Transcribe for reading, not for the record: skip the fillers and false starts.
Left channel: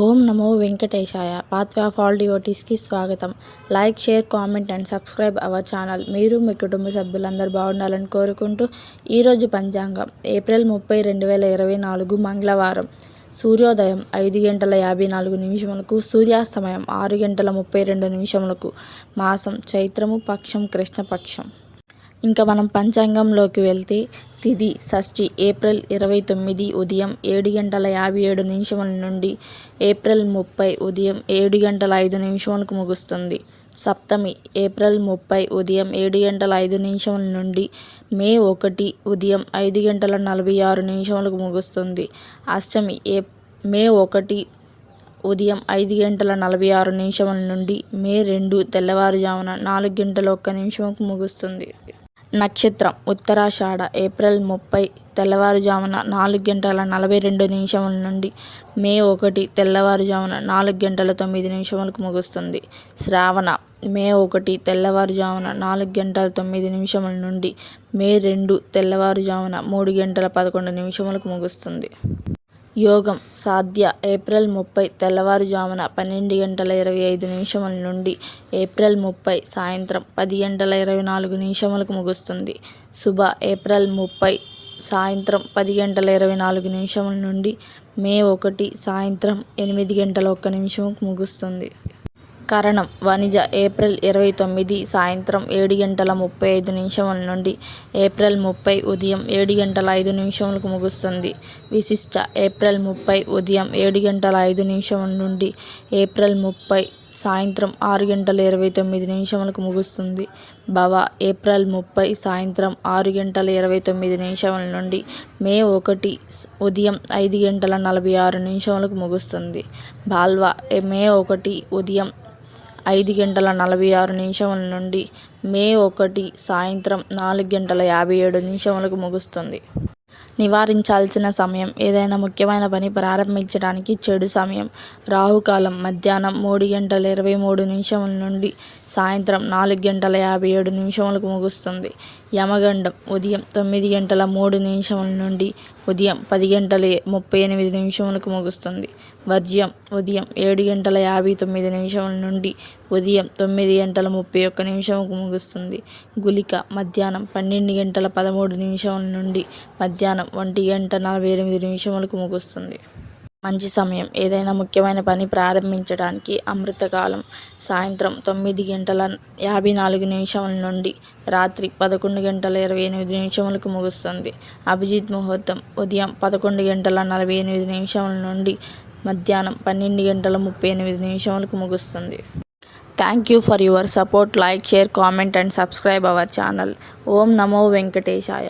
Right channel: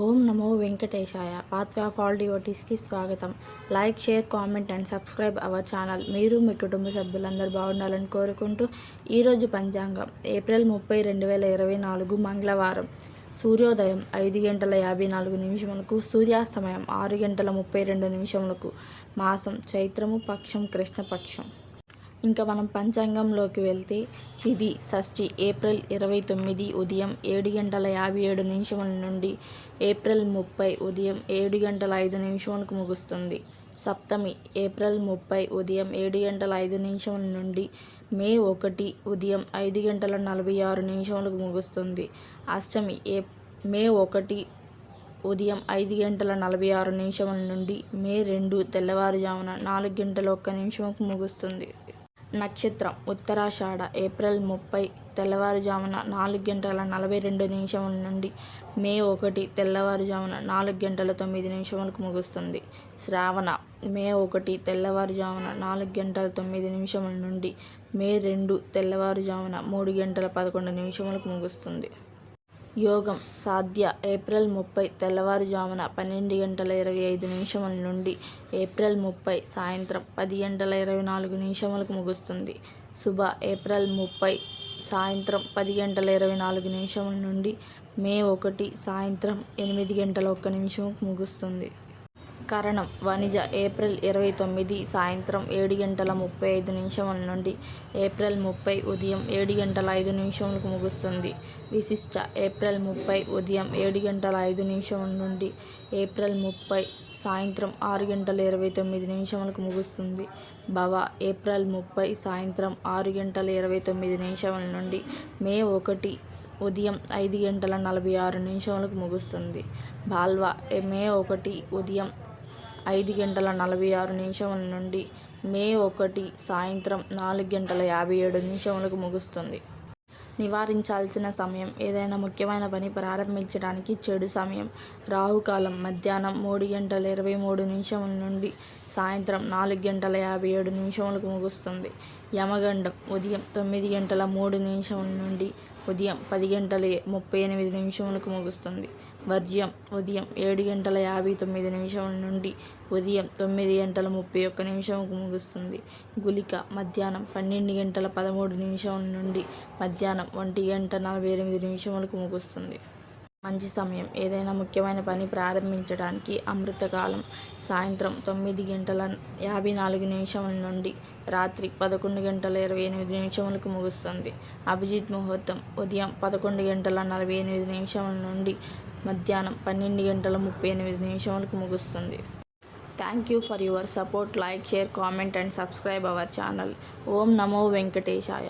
ఓం నమో వెంకటేశాయ. Path of all డివోటీస్కి స్వాగతం. Like, share, comment and subscribe our channel. మీరు మీ కుటుంబ సభ్యులందరూ బాగుండాలని కోరుకుంటూ ఈరోజు పంచాంగం ఏప్రిల్ 30, 2024 మంగళవారం. సూర్యోదయం 5:54 సూర్యాస్తమయం 6:32 మాసం చైత్రము, పక్షం కృష్ణపక్షం. ఇంకా మనం పంచాంగంలోకి వెళ్తే తిథి షష్ఠి ఏప్రిల్ 29 ఉదయం 7:57 నుండి ఏప్రిల్ 30 ఉదయం 7:05 ముగుస్తుంది. సప్తమి ఏప్రిల్ 30 ఉదయం 7:05 నుండి మే 1 ఉదయం 5:46 ముగుస్తుంది. అష్టమి మే 1 ఉదయం 5:46 నుండి మే 2 తెల్లవారుజామున 4:01 ముగుస్తుంది. నక్షత్రం ఉత్తరాషాఢ ఏప్రిల్ 30 తెల్లవారుజామున 4:42 నుండి మే 1 తెల్లవారుజామున 4:09 ముగుస్తుంది. శ్రావణ మే 1 తెల్లవారుజామున 4:09 నుండి మే 2 తెల్లవారుజామున 3:11 ముగుస్తుంది. యోగం సాధ్య ఏప్రిల్ 30 తెల్లవారుజామున 12:25 నుండి ఏప్రిల్ 30 సాయంత్రం 10:24 ముగుస్తుంది. శుభ ఏప్రిల్ 30 సాయంత్రం 10:24 నుండి మే 1 సాయంత్రం 8:01 ముగుస్తుంది. కరణం వణిజ ఏప్రిల్ 29 సాయంత్రం 7:35 నుండి ఏప్రిల్ 30 ఉదయం 7:05 ముగుస్తుంది. విశిష్ట ఏప్రిల్ 30 ఉదయం 7:05 నుండి ఏప్రిల్ 30 సాయంత్రం 6:29 ముగుస్తుంది. భవ ఏప్రిల్ 30 సాయంత్రం 6:29 నుండి మే 1 ఉదయం 5:46 ముగుస్తుంది. బాల్వ మే 1 ఉదయం 5:46 నుండి మే 1 సాయంత్రం 4:57 ముగుస్తుంది. నివారించాల్సిన సమయం ఏదైనా ముఖ్యమైన పని ప్రారంభించడానికి చెడు సమయం. రాహుకాలం మధ్యాహ్నం 3:23 నుండి సాయంత్రం 4:57 ముగుస్తుంది. యమగండం ఉదయం 9:03 నుండి ఉదయం 10:38 ముగుస్తుంది. వర్జ్యం ఉదయం 7:59 నుండి ఉదయం 9:31 ముగుస్తుంది. గుళిక మధ్యాహ్నం 12:13 నుండి మధ్యాహ్నం 1:48 ముగుస్తుంది. మంచి సమయం ఏదైనా ముఖ్యమైన పని ప్రారంభించడానికి అమృతకాలం సాయంత్రం 9:54 నుండి రాత్రి 11:28 ముగుస్తుంది. అభిజిత్ ముహూర్తం ఉదయం 11:48 నుండి మధ్యాహ్నం 12:38 ముగుస్తుంది. Thank you for your support. Like, share, comment and subscribe our channel. ఓం నమో వెంకటేశాయ.